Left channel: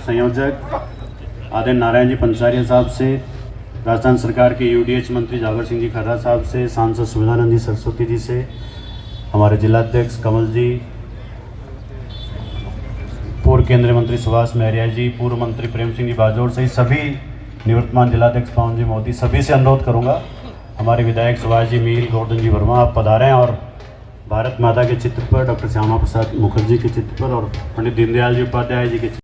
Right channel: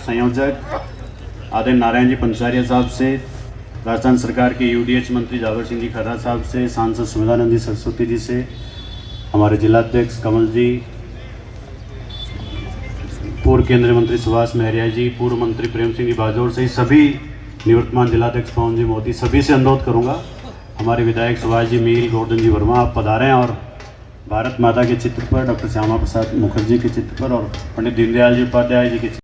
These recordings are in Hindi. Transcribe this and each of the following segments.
संयोजक आदम नारायण जी पंचारिया साहब से, राजस्थान सरकार के यूडीएच मंत्री जावर सिंह जी खर्रा साहब से, सांसद सुविधानंद जी सरस्वती जी से, हमारे जिलाध्यक्ष कमल जी, पूर्व केंद्रीय मंत्री सुभाष महरिया जी, पूर्व मंत्री प्रेम सिंह जी बाजौर से सभी निवर्तमान जिलाध्यक्ष पवन जी मोदी, सभी से अनुरोध करूंगा हमारे विधायक सुभाष जी मील, गोवर्धन जी वर्मा आप पधारें और भारत माता के चित्र पर, डॉक्टर श्यामा प्रसाद मुखर्जी के चित्र पर और पंडित दीनदयाल जी उपाध्याय जी के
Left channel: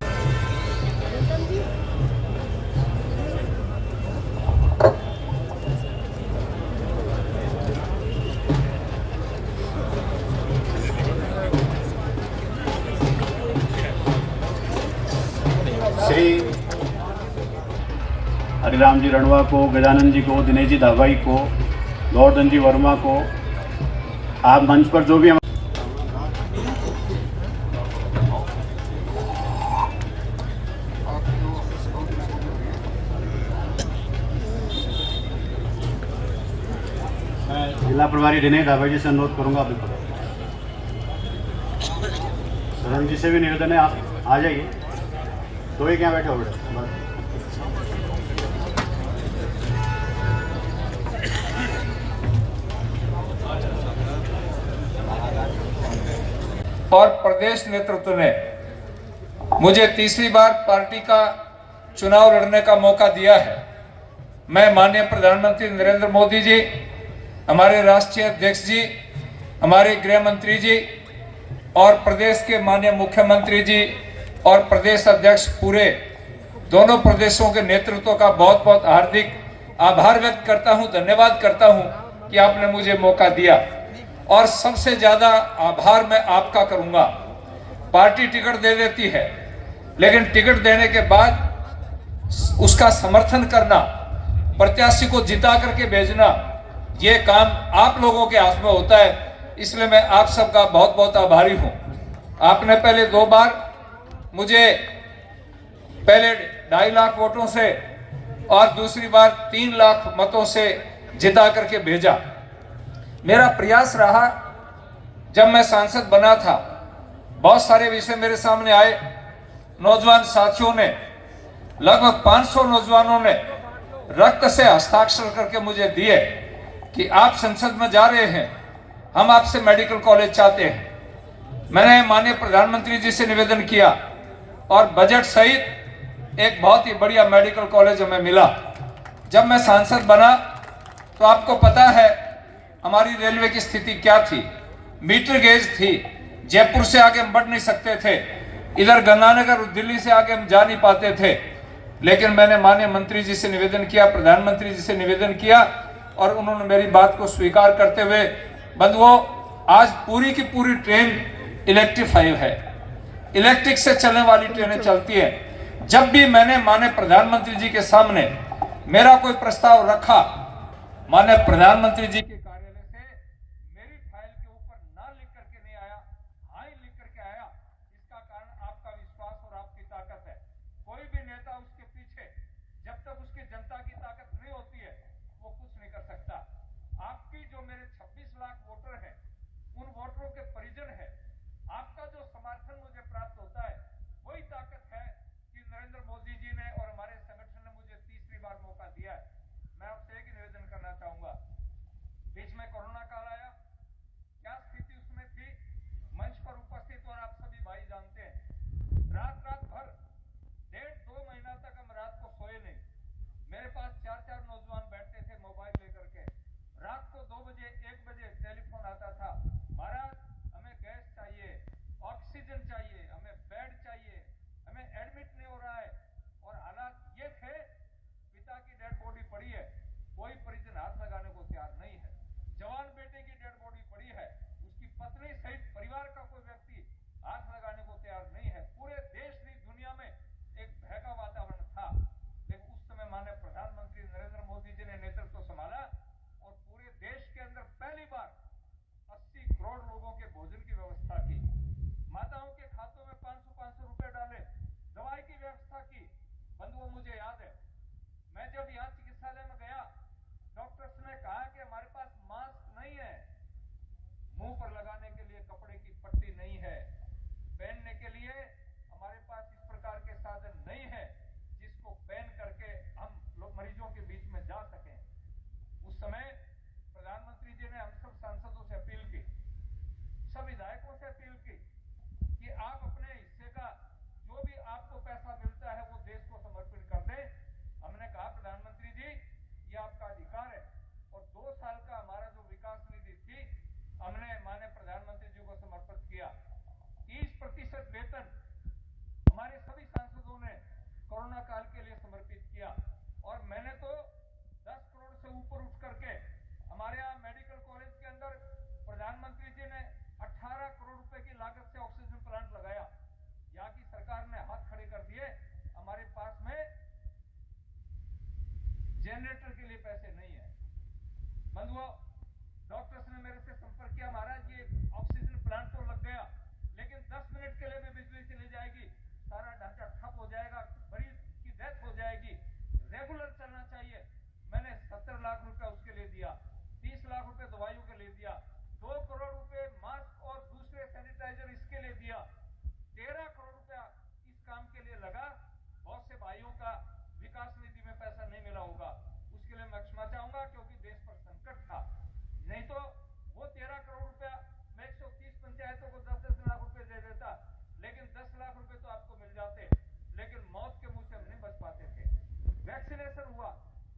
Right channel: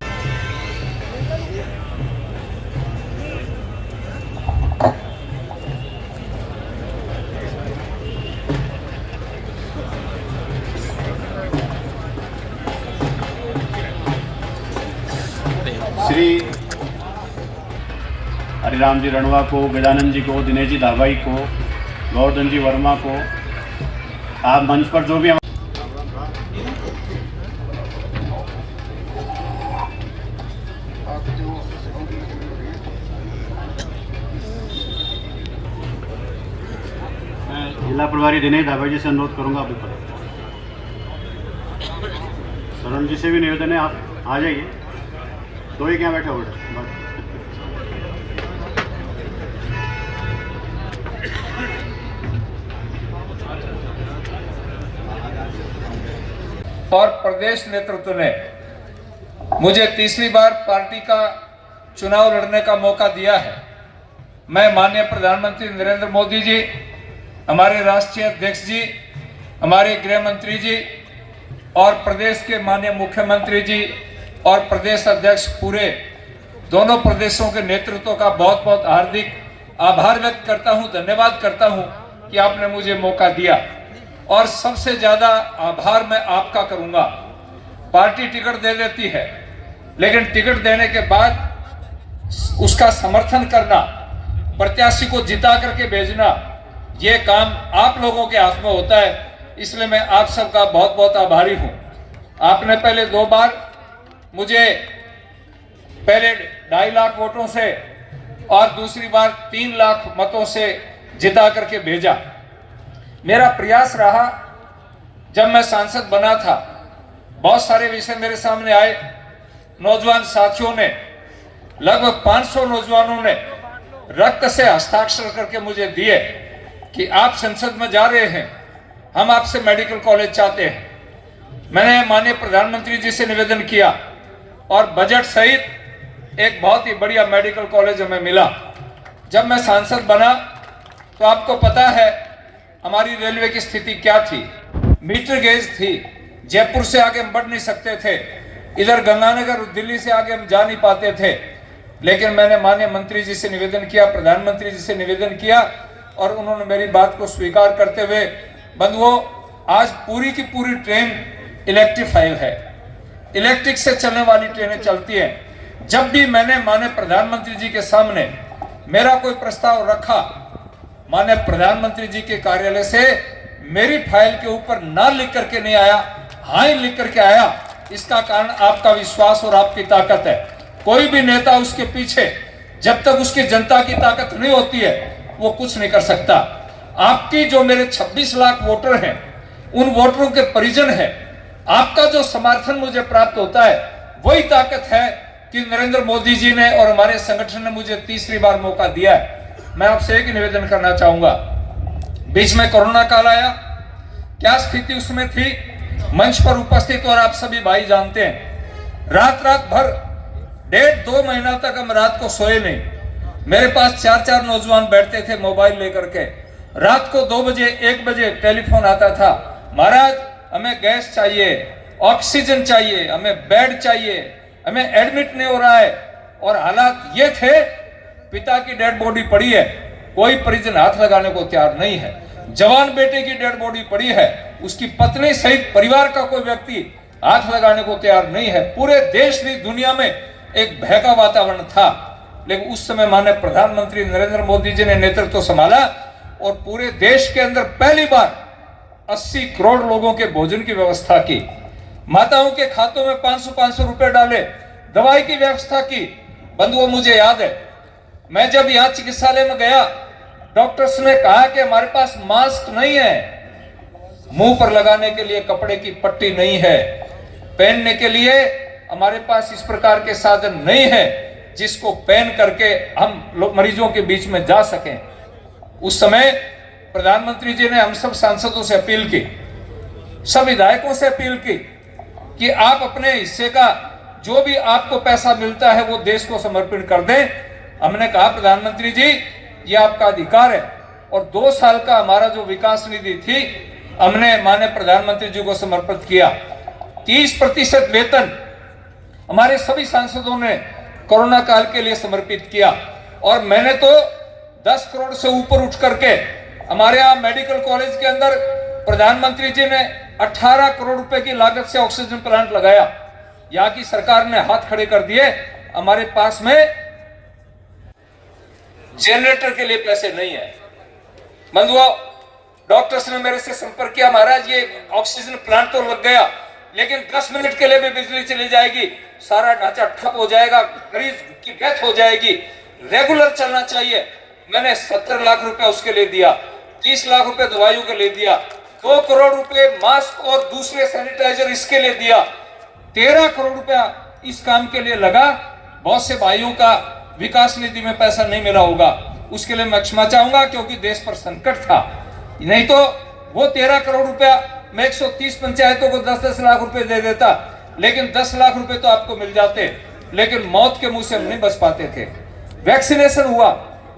श्री हरिराम जी रणवा को, गजानंद जी को, दिनेश जी धाबाई को, गोवर्धन जी वर्मा को, आप मंच पर जो भी हम मैं जिला प्रभारी दिनेश धाबाई जी से अनुरोध करूंगा आप भी पढ़ो। सरन जी से भी निवेदन है आप आ जाइए, तो ही क्या बैठे हो और प्रदेश नेतृत्व ने मुझे तीसरी बार पार्टी का चुनाव लड़ने का मौका दिया है। मैं माननीय प्रधानमंत्री नरेंद्र मोदी जी, हमारे राष्ट्रीय अध्यक्ष जी, हमारे गृह मंत्री जी और प्रदेश के माननीय मुख्यमंत्री जी और प्रदेश अध्यक्ष पूरे दोनों प्रदेशों के नेतृत्व का बहुत बहुत हार्दिक आभार व्यक्त करता हूं, धन्यवाद करता हूं कि आपने मुझे मौका दिया। और सबसे ज्यादा आभार मैं आपका करूंगा। पार्टी टिकट दे देती है, लेकिन टिकट देने के बाद उसका समर्थन करना, प्रत्याशी को जिता करके भेजना, ये काम आप लोगों के हाथ में होता है। इसलिए मैं आप सबका बहुत बहुत आभारी हूं। आपने पहले 2 बार मुझे पहले 2.5 लाख वोटों से और दूसरी बार 3 लाख मतों से जिता करके भेजा। मेरा प्रयास रहा, जब मैं सांसद बना था बहुत सारे विषय मेरे सामने आए। नौजवान साथियों ने, लगभग 500 नौजवानों ने रक्त से हस्ताक्षर करके मुझे दिए कि आप संसद में जा रहे हैं, हम आपसे मेडिकल कॉलेज चाहते हैं। मैंने माननीय प्रधानमंत्री जी से निवेदन किया और बजट सहित एक बहुत ही बढ़िया मेडिकल कॉलेज हमें मिला। जब मैं सांसद बना तो आपको पता है हमारी रेलवे की स्थिति क्या थी। मीटर गेज थी, जयपुर से आगे हम बढ़ नहीं सकते थे, इधर गंगानगर दिल्ली से आगे हम जा नहीं पाते थे। लेकिन मैंने माननीय मंत्री जी से निवेदन किया, प्रधानमंत्री जी से निवेदन किया और उन्होंने मेरी बात को स्वीकार करते हुए, बंधुओं, आज पूरी की पूरी ट्रेन इलेक्ट्रीफाई है, इलेक्ट्रिक से चलने वाली ट्रेनें चलती है। जब भी मैंने माननीय प्रधानमंत्री जी के सामने मेरा कोई प्रस्ताव रखा, माननीय प्रधानमंत्री जी के कार्यालय से मेरी फाइल के ऊपर ना लिख करके नहीं आया, हाँ ही लिख करके आया। इसका कारण आपका विश्वास और आपकी ताकत है। कोई भी नेता उसके पीछे जब तक उसकी जनता की ताकत नहीं होती है वो कुछ नहीं कर सकता। आपकी जो मेरे 26 लाख वोटर हैं, उन वोटरों के परिजन हैं, आपका जो समर्थन मुझे प्राप्त होता है, वही ताकत है कि नरेंद्र मोदी जी ने और हमारे संगठन ने मुझे तीसरी बार मौका दिया है। मैं आपसे एक निवेदन करना चाहूंगा, बीच में कोरोना काल आया, क्या स्थिति उसमें थी, मंच पर उपस्थित और आप सभी भाई जानते हैं। रात भर 1.5-2 महीना तक हम रात को सोए नहीं। मेरे पास 4 नौजवान बैठते थे मोबाइल लेकर के। रात को 2 बजे 1 बजे टेलीफोन आता था, महाराज हमें गैस चाहिए, ऑक्सीजन चाहिए, हमें बेड चाहिए, हमें एडमिट नहीं हो रहा है। और हालात ये थे, पिता की डेड बॉडी पड़ी है, कोई परिजन हाथ लगाने को तैयार नहीं है। जवान बेटे की डेड बॉडी पड़ी है, उसकी पत्नी सहित परिवार का कोई व्यक्ति हाथ लगाने को तैयार नहीं है। पूरे देश की दुनिया में एक भय का वातावरण था। लेकिन उस समय माननीय प्रधानमंत्री नरेंद्र मोदी जी ने नेतृत्व संभाला और पूरे देश के अंदर पहली बार 80 करोड़ लोगों के भोजन की व्यवस्था की, माताओं के खातों में 500-500 रुपए डाले, दवाई की व्यवस्था की। बंधुओं, मुझे याद है, मैं जब यहाँ चिकित्सालय में गया, डॉक्टर्स ने कहा कि हमारे पास मास्क नहीं है, मुंह पर लगाने के लिए कपड़े की पट्टी नहीं है, पहनने के लिए हमारे पास इस प्रकार के साधन नहीं है जिसको पहन करके हम मरीजों के बीच में जा सकें। उस समय प्रधानमंत्री जी ने हम सब सांसदों से अपील की, सब विधायकों से अपील की कि आप अपने हिस्से का जो भी आपको पैसा मिलता है वो देश को समर्पित कर दें। हमने कहा, प्रधानमंत्री जी, ये आपका अधिकार है, और 2 साल का हमारा जो विकास निधि थी हमने माननीय प्रधानमंत्री जी को समर्पित किया। 30% वेतन हमारे सभी सांसदों ने कोरोना काल के लिए समर्पित किया, और मैंने तो 10 करोड़ से ऊपर उठ करके हमारे यहाँ मेडिकल कॉलेज के अंदर प्रधानमंत्री जी ने 18 करोड़ रुपए की लागत से ऑक्सीजन प्लांट लगाया। यहाँ की सरकार ने हाथ खड़े कर दिए, हमारे पास में जनरेटर के लिए पैसे नहीं है। बंधुओं, डॉक्टर्स ने मेरे से संपर्क किया, महाराज ये ऑक्सीजन प्लांट तो लग गया, लेकिन 10 मिनट के लिए भी बिजली चली जाएगी, सारा ढांचा ठप हो जाएगा, मरीज की डेथ हो जाएगी, रेगुलर चलना चाहिए। मैंने 70 लाख रुपए उसके लिए दिया, 30 लाख रुपए दवाइयों के लिए दिया, 2 करोड़ रुपए मास्क और दूसरे सैनिटाइजर इसके लिए दिया, 13 करोड़ रुपया इस काम के लिए लगा। बहुत से भाइयों का विकास निधि में पैसा नहीं मिला होगा, उसके लिए मैं क्षमा चाहूंगा, क्योंकि देश पर संकट था। नहीं तो वो 13 करोड़ रुपया मैं 130 पंचायतों को 10-10 लाख रुपए दे देता, लेकिन 10 लाख रुपए तो आपको मिल जाते, लेकिन मौत के मुंह से हम नहीं बच पाते थे। वैक्सीनेशन हुआ,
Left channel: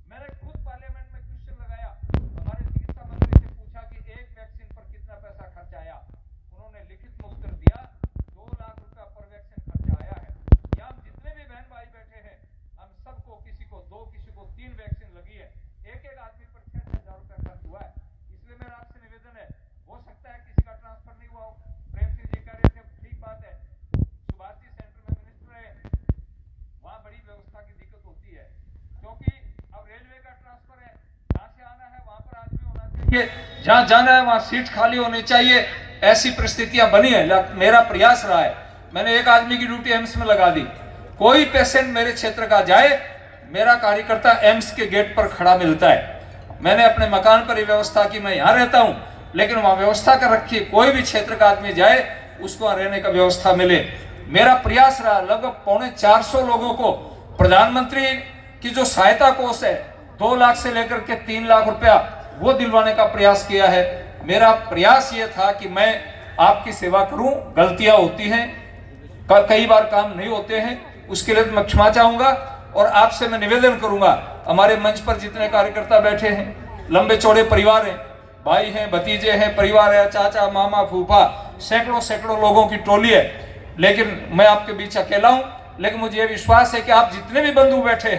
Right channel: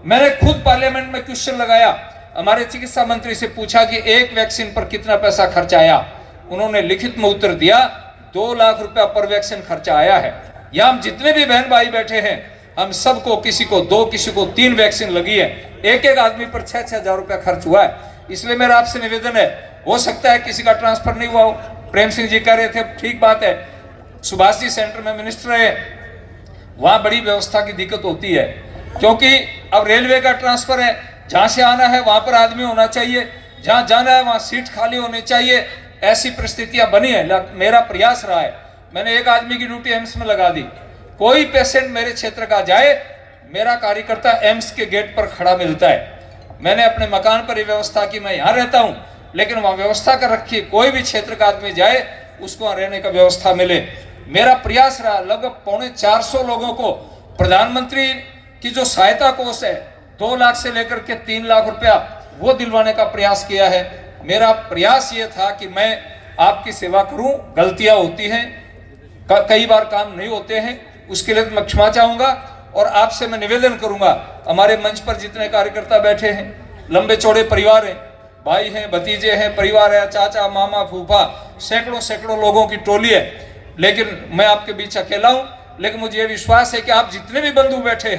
मैंने खुद पार्लियामेंट में क्वेश्चन लगाया, हमारे चिकित्सा मंत्री से पूछा कि एक वैक्सीन पर कितना पैसा खर्च आया। उन्होंने लिखित में उत्तर दिया, 2 लाख रुपया पर वैक्सीन खर्चा आया है। यहाँ हम जितने भी बहन भाई बैठे हैं, हम सबको किसी को 2, किसी को 3 वैक्सीन लगी है, एक आदमी पर 6-6 हजार रुपया खर्च हुआ है। इसलिए मेरा आपसे निवेदन है, हो सकता है किसी का ट्रांसफर नहीं हुआ हो। प्रेम सिंह जी कह रहे थे, ठीक बात है, सुभाष जी सेंटर में मिनिस्टर है, वहां बड़ी व्यवस्था की दिक्कत होती है, क्योंकि अब रेलवे का ट्रांसफर है, जहां से आना है वहां पर आदमी होना चाहिए, जहां जाना है वहां सीट खाली होनी चाहिए। ऐसी परिस्थितियां बनी है। मेरा प्रयास रहा है, मैंने एक आदमी की ड्यूटी एम्स में लगा दी, कोई पेशेंट मेरे क्षेत्र का जाए, मेरा कार्यकर्ता एम्स के गेट पर खड़ा मिलता है। मैंने अपने मकान पर यह व्यवस्था की, मैं यहाँ रहता हूँ, लेकिन वहां व्यवस्था कर रखी है, कोई भी क्षेत्र का आदमी जाए उसको वहां रहने का व्यवस्था मिले। मेरा प्रयास रहा, लगभग 450 लोगों को प्रधानमंत्री की जो सहायता कोष है, 2 लाख से लेकर के 3 लाख रुपया, वो दिलवाने का प्रयास किया है। मेरा प्रयास ये था कि मैं आपकी सेवा करूं, गलतियां होती हैं, कई बार काम नहीं होते हैं, उसके लिए मैं क्षमा चाहूंगा। और आपसे मैं निवेदन करूंगा, हमारे मंच पर जितने कार्यकर्ता बैठे हैं, लंबे चौड़े परिवार हैं, भाई हैं, भतीजे हैं, परिवार है, चाचा, मामा, फूफा, सैकड़ों लोगों की टोली है, लेकिन मैं आपके बीच अकेला हूं। लेकिन मुझे ये विश्वास है कि आप जितने भी बंधु बैठे हैं,